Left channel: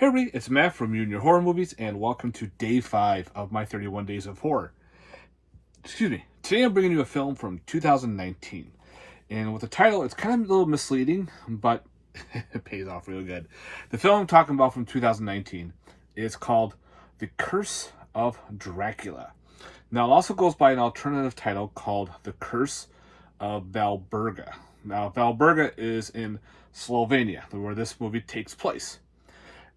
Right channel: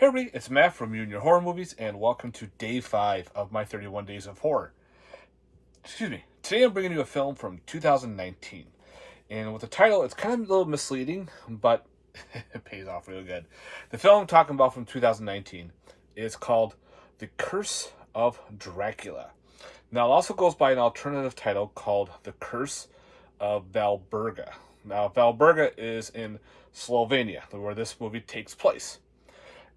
Hey everybody, it's Matt from You and Your Horror Movies, and welcome to Day 5 of my 31 Days of Horror. Excuse me. Today I'm bringing you a film from 2019. And with the title, it's kind of a little misleading, but it pays off real good. The film I'm talking about from 2019 is called The Curse of Dracula. Now, it also goes by an alternative title called The Curse of Valberga. Now, Valberga is in Slovenia, where this movie takes place.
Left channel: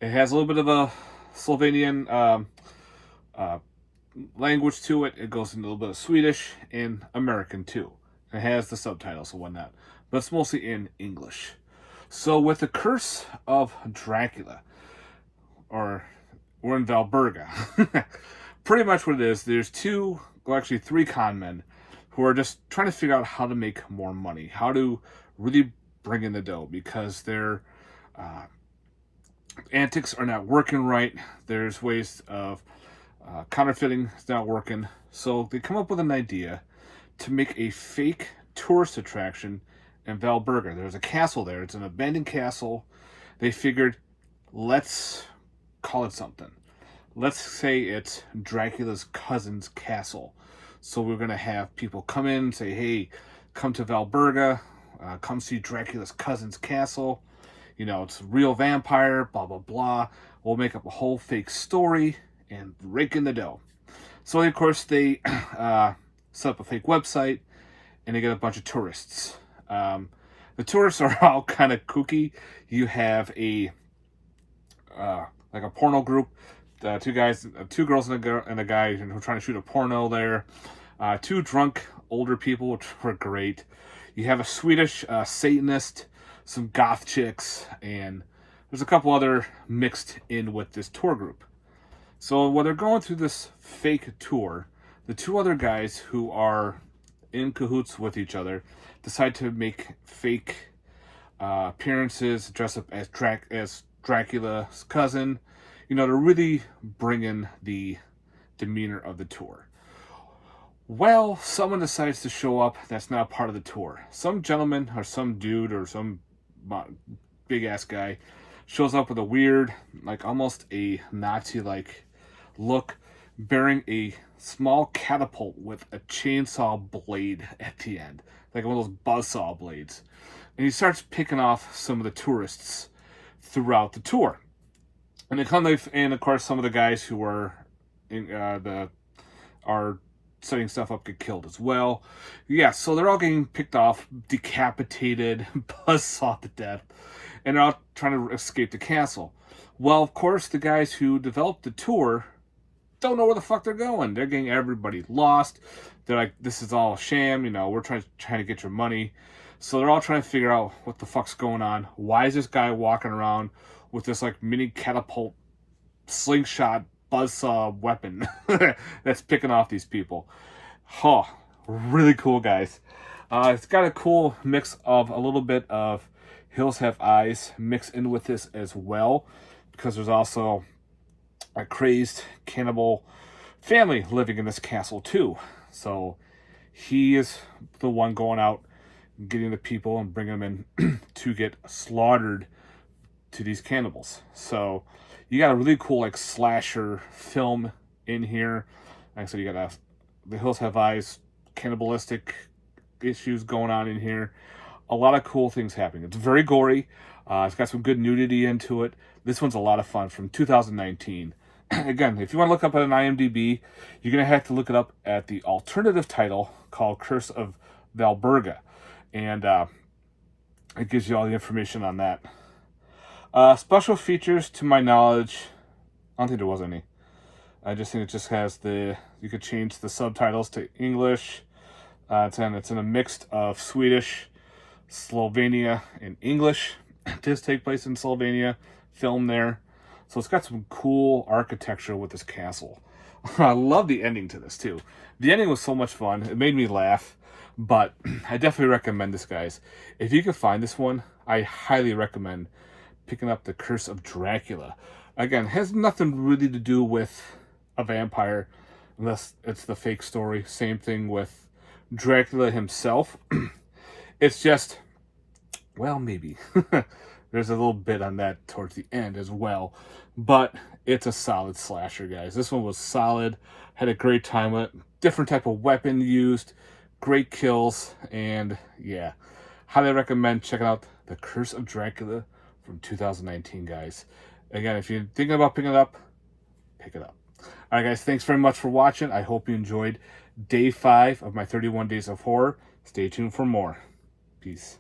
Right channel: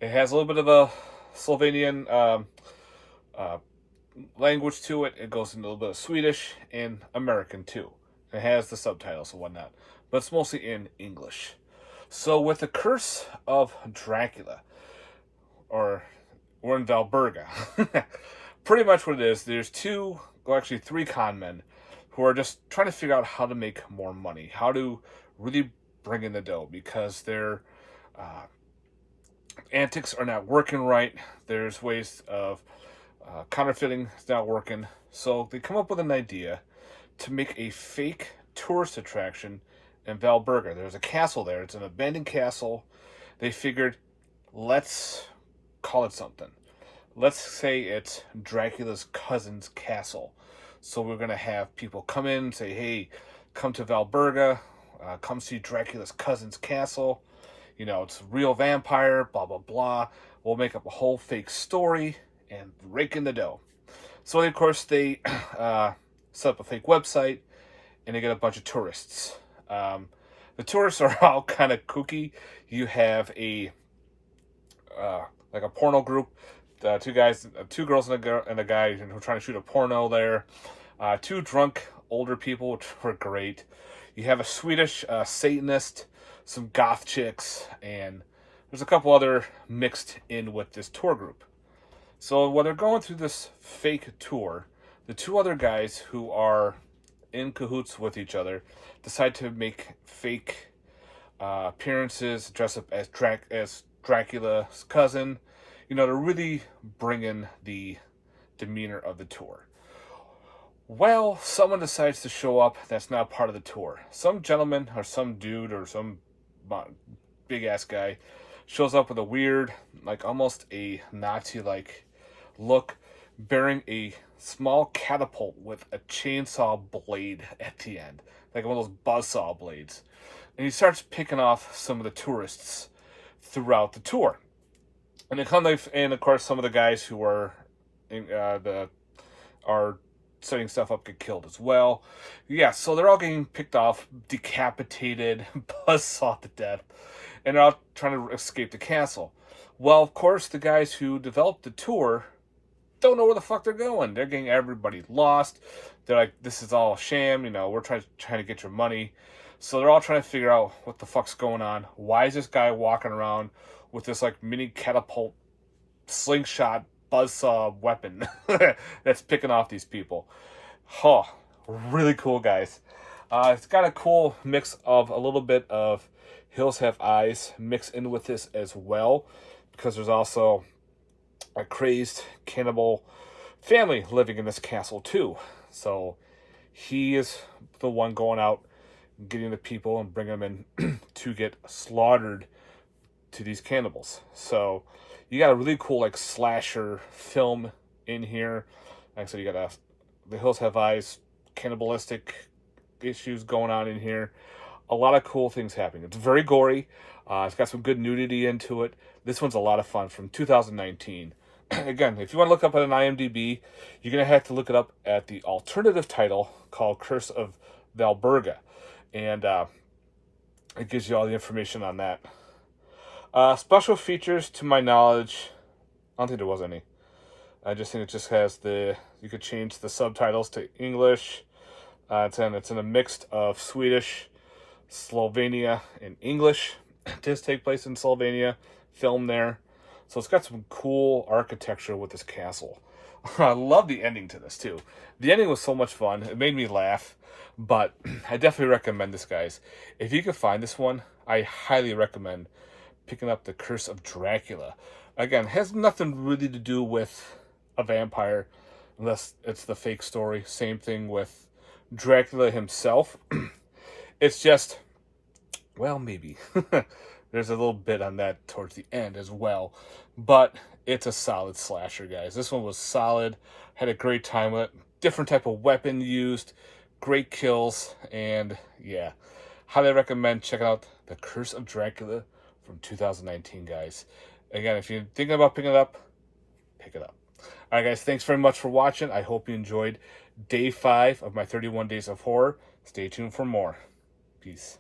It has a little bit of a Slovenian language to it. It goes into a little bit of Swedish and American too. It has the subtitles and whatnot, but it's mostly in English. So with The Curse of Dracula, or we're in Valberga, pretty much what it is, there's three con men who are just trying to figure out how to make more money, how to really bring in the dough, because their antics are not working right. There's ways of counterfeiting is not working. So they come up with an idea to make a fake tourist attraction in Valberga. There's a castle there. It's an abandoned castle. They figured, let's call it something. Let's say it's Dracula's cousin's castle. So we're going to have people come in and say, hey, come to Valberga. Come see Dracula's cousin's castle. You know, it's a real vampire, blah, blah, blah. We'll make up a whole fake story and rake in the dough. So, of course, they set up a fake website, and they get a bunch of tourists. The tourists are all kind of kooky. You have a porno group, two girls and a guy who are trying to shoot a porno there. Two drunk older people, which were great. You have a Swedish Satanist, some goth chicks, and there's a couple other mixed in with this tour group. So when they're going through this fake tour, the two other guys who are in cahoots with each other decide to make fake appearances, dress up as Dracula's cousin. You know, to really bring in the demeanor of the tour. Well, someone decides to show up that's not part of the tour. Some gentleman or some dude or some big ass guy shows up with a weird, like almost a Nazi-like look, bearing a small catapult with a chainsaw blade at the end, like one of those buzzsaw blades. And he starts picking off some of the tourists throughout the tour. And of course, some of the guys who are setting stuff up get killed as well. Yeah, so they're all getting picked off, decapitated, buzzsawed to death, and they're all trying to escape the castle. Well, of course, the guys who developed the tour don't know where the fuck they're going. They're getting everybody lost. They're like, this is all a sham, you know, we're trying to get your money. So they're all trying to figure out what the fuck's going on. Why is this guy walking around with this like mini catapult slingshot buzzsaw weapon that's picking off these people? Really cool, guys. It's got a cool mix of a little bit of Hills Have Eyes mixed in with this as well, because there's also a crazed cannibal family living in this castle too. So he is the one going out, getting the people and bringing them in to get slaughtered to these cannibals. So you got a really cool like slasher film in here. Like I said, you got The Hills Have Eyes, cannibalistic issues going on in here. A lot of cool things happening. It's very gory. It's got some good nudity into it. This one's a lot of fun, from 2019. Again, if you want to look up at an IMDb, you're going to have to look it up at the alternative title called Curse of Valberga. And it gives you all the information on that. Special features, to my knowledge, I don't think there was any. I just think it just has you could change the subtitles to English. It's in a mix of Swedish, Slovenia, and English. It does take place in Slovenia, filmed there. So it's got some cool architecture with this castle. I love the ending to this too. The ending was so much fun. It made me laugh, but I definitely recommend this, guys. If you can find this one, I highly recommend picking up The Curse of Dracula. Again, has nothing really to do with a vampire, unless it's the fake story. Same thing with Dracula himself. It's just, well, maybe. There's a little bit on that towards the end as well. But it's a solid slasher, guys. This one was solid. Had a great time with it. Different type of weapon used. Great kills. And yeah, highly recommend checking out The Curse of Dracula from 2019, guys. Again, if you're thinking about picking it up, pick it up. All right, guys, thanks very much for watching. I hope you enjoyed day 5 of my 31 Days of Horror. Stay tuned for more. Peace.